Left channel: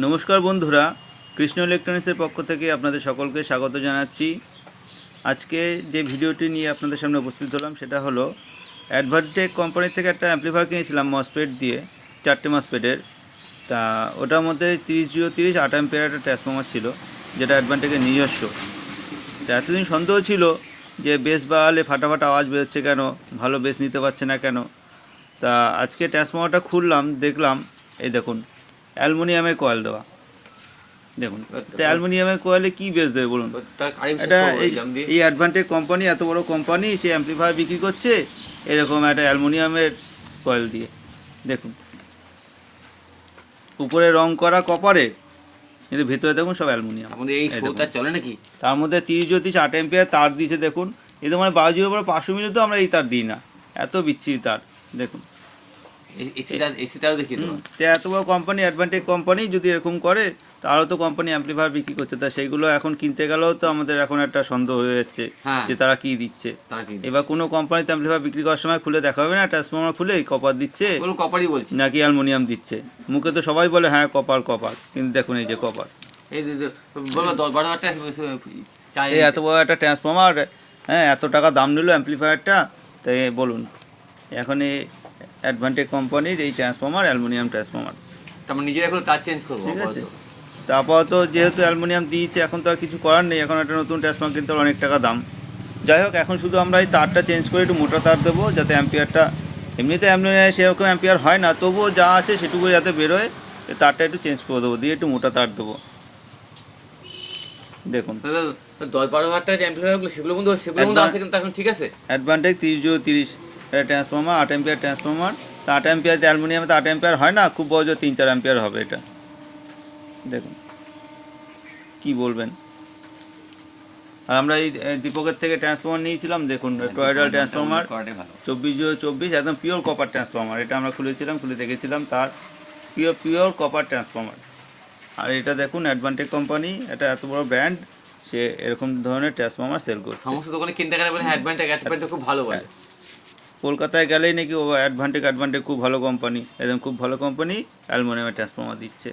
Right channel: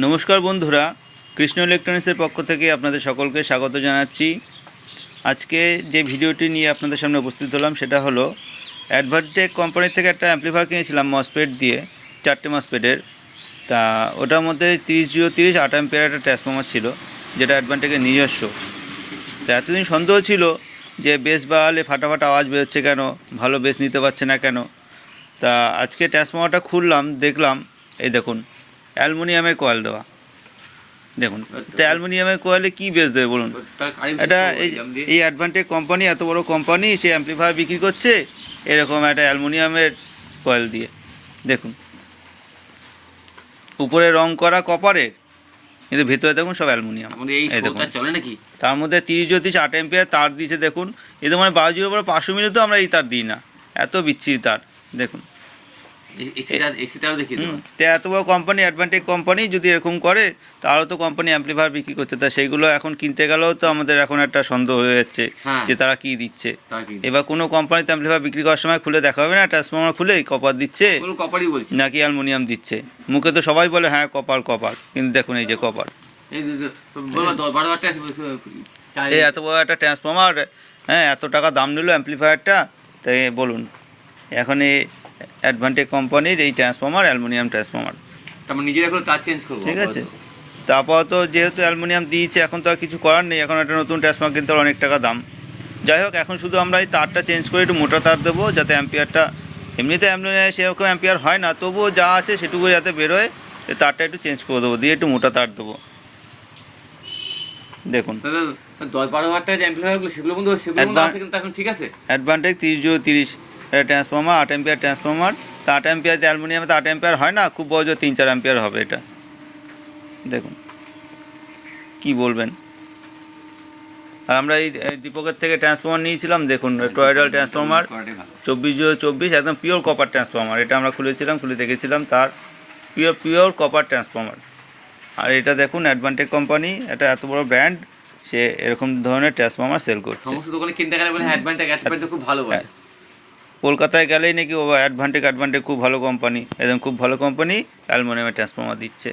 নমস্কার বন্ধুরা, কৃষ্ণ ইলেকট্রনিক্সের পক্ষ থেকে আপনাদের সকলকে স্বাগত জানাচ্ছি। আজকে যে ভিডিওটি নিয়ে আপনাদের সামনে উপস্থিত হলাম সেটা হলো অ্যাডভান্টেক কোম্পানির থেকে একটা অ্যাম্পলিফায়ার কিনেছিলাম মসফেট দিয়ে, 4টে মসফেটের। তা ওটার মধ্যে 3030 8 অ্যাম্পিয়ার একটা ট্রান্সফর্মার ছিল, যেটা অ্যাডভান্টেকের নিজস্ব। তা এতদিন সন্দেহ ছিল যে বেস বাড়ালে ফাটাফাটা আওয়াজ বেরোচ্ছে কেন, ভালো বেস নিতে পারছে না কেন। তা আজকে ট্রান্সফর্মারটা খুললাম, দেখলাম এই দেখুন অ্যালুমিনিয়ামের কয়েল দেওয়া। দেখুন তো অ্যালুমিনিয়ামের কয়েলে কী বেস দেবে বলুন? এটা এই অ্যাডভান্টেজ কোম্পানি, এত বড় কোম্পানি, সে অ্যাম্পলিফায়ার বিক্রি করছে এরকম একটা অ্যালুমিনিয়ামের কয়েল দিয়ে। দেখুন উপরে রং করা কপারে, কিন্তু ভিতরে দেখুন সব অ্যালুমিনিয়াম। চলে নাকি? তার মধ্যে 3030 8 অ্যাম্পিয়ার তার দিয়েছে। দেখুন এদের মানে 12 পরে 500 মিনিটও আমরা এই তার দিই না, এত বিচ্ছিরি তার। দেখুন এত বড় কোম্পানি, অ্যাডভান্টেজ কোম্পানি যদি এরকম করে, তাহলে তো কোম্পানি অ্যাম্পলিফায়ার বিক্রি করছে। তা সেইগুলো এখন কিনতে গেলেও তো আমাদের এখন একটা সন্দেহ হয়ে যাচ্ছে যে তারা কি দিচ্ছে। এবার কোনো কোম্পানিতে অ্যাম্পলিফায়ার বিক্রি করার সময় খুলে দেখা হবে না, ট্রান্সফর্মার খুলে কপার দিচ্ছে নাকি অ্যালুমিনিয়াম দিচ্ছে। মুখে তো সবাই বলে হ্যাঁ কপার কপার, কিন্তু দেখুন এই যে কপার। এই এত বড় একটা ট্রান্সফর্মার, হ্যাঁ এত টাকা দাম নিল অ্যাম্পলিফায়ারটা, তাই বলুন এখন এই অ্যাডভান্টেজ কোম্পানির এই ট্রান্সফর্মার অ্যালুমিনিয়াম ট্রান্সফর্মার। নিজের এখন তার চেঞ্জ করবো, ঠিক আছে। তা আপাতত যেহেতু অ্যালুমিনিয়াম দিয়েছে, এখন তো আর কিছু করার নেই, এখন একটা নতুন ট্রান্সফর্মার কিনতে অনেক টাকা দাম। যাই হোক, এখন শুধু আমরা এই তারটা চেঞ্জ করে একটু মোটা তার দেবো, যাতে অ্যাম্পিয়ারটা, এমনিতে অ্যালুমিনিয়াম সেরকম অ্যাম্পিয়ার হয় না, তবুও যা আছে সেটুকু যাতে বেরোয়, তারটা একটু চেঞ্জ করে দেবো, দিয়ে একটু মোটা তার দেবো। দেখুন 10-12 হাজার টাকা সেগুলো এখন ঠিক আছে। অ্যাডভান্টেজ 3030 এটা ট্রান্সফর্মার, 8 অ্যাম্পিয়ার ট্রান্সফর্মার। তা 8 অ্যাম্পিয়ার অ্যালুমিনিয়ামে তো 8 অ্যাম্পিয়ার হয় না, খুব বড় 3-4 অ্যাম্পিয়ার হবে এটা। দেখুন কি বলবেন। আর আমরা এই দীপকের থেকে ট্রান্সফর্মার নিয়েছিলাম, দেখুন টয়েডাল ট্রান্সফর্মার 2424, একদম পিওর কপার ট্রান্সফর্মার। এটা আমরা খুলেছিলাম, খুলে দেখেছিলাম তার পিওর কপার ট্রান্সফর্মার। আর এটা দেখুন অ্যাডভান্টেজ কোম্পানি, এটা এত বড় ব্র্যান্ড, সে এরকম ধরনের ট্রান্সফর্মার সেল করছে। সমস্ত দোকানে কিনতে গেলে বলে অ্যাডভান্টেজ খুব ভালো বলে। কলকাতায় গেলেই নাকি ও অ্যাডভান্টেজ খুব ভালো কোম্পানি, একদম খুব ভালো কোম্পানি অ্যালুমিনিয়ামের ট্রান্সফর্মার দিচ্ছে।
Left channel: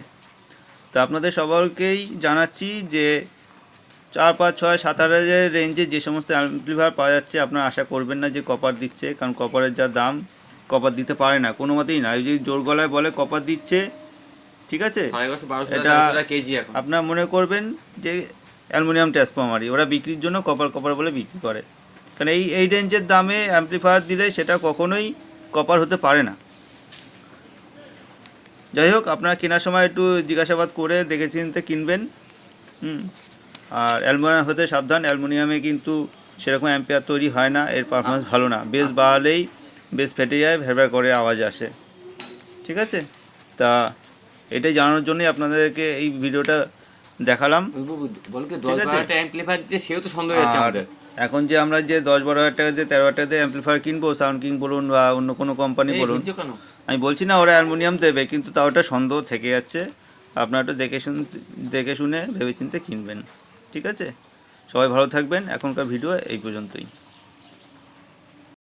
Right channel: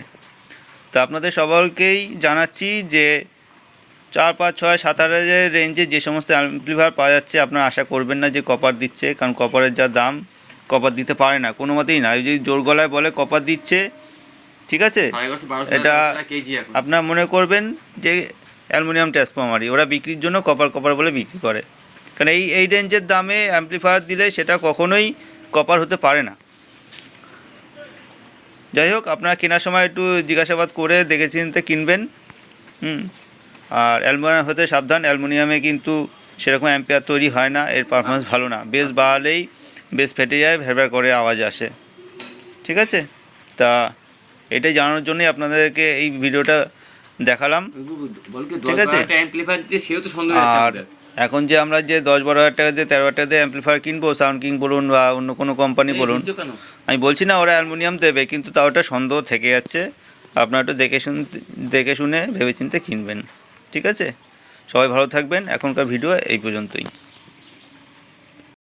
তো আপনাদের সকলকেই জানাচ্ছি যে 4, 5, 6, 7 হাজারের রেঞ্জে যে সমস্ত অ্যাম্পলিফায়ার পাওয়া যাচ্ছে, আপনারা আশা করবেন না যে কপার দিচ্ছে, কারণ কপারের যা দাম, কপার দিতে পারে না কোনো মতেই না। যদি জোর গলায় বলে কপার দিচ্ছে, ঠিক আছে, এটা আপনারা মনে করবেন যে অ্যালুমিনিয়াম ট্রান্সফর্মারই, ওরা বিক্রির জন্য কপার বলে বিক্রি করে। কারণ এই রেঞ্জের দামে অ্যাম্পলিফায়ার দিলে সেটা কখনোই কপার হতে পারে না। যাই হোক, আপনারা কেনার সময় একটু জিজ্ঞাসাবাদ করে দেখে চিনতে কিনবেন। আর অ্যালুমিনিয়াম হতে সাবধান, অ্যালুমিনিয়ামে কিন্তু সেরকম অ্যাম্পিয়ার তৈরি হয় না, এর পারফরমেন্স ভালো না। বেস বাড়ালেই বেস ফেটে যায়, ভেরভের করে আওয়াজ আসে। ঠিক আছে, তা এটাই জানানোর জন্যই আপনাদেরকে এই ভিডিওটা দেখালাম। ঠিক আছে, আর এখন যে আমরা যে 10-12 হাজার টাকা দিয়ে 13 হাজার টাকা দিয়ে অ্যাম্পলিফায়ার কিনবো, সাউন্ড কিং বলুন বা অন্য কোনো কোম্পানি বলুন, আমি বলছি না ওরা অ্যালুমিনিয়াম দেবে, কিন্তু তাও ওটা সন্দেহ থেকে যাচ্ছে। আপনারা একটু দেখে শুনে ভেবেচিন্তে কিনবেন। ঠিক আছে, সবাই ভালো থাকবেন। এখনকার ভিডিও এই পর্যন্তই।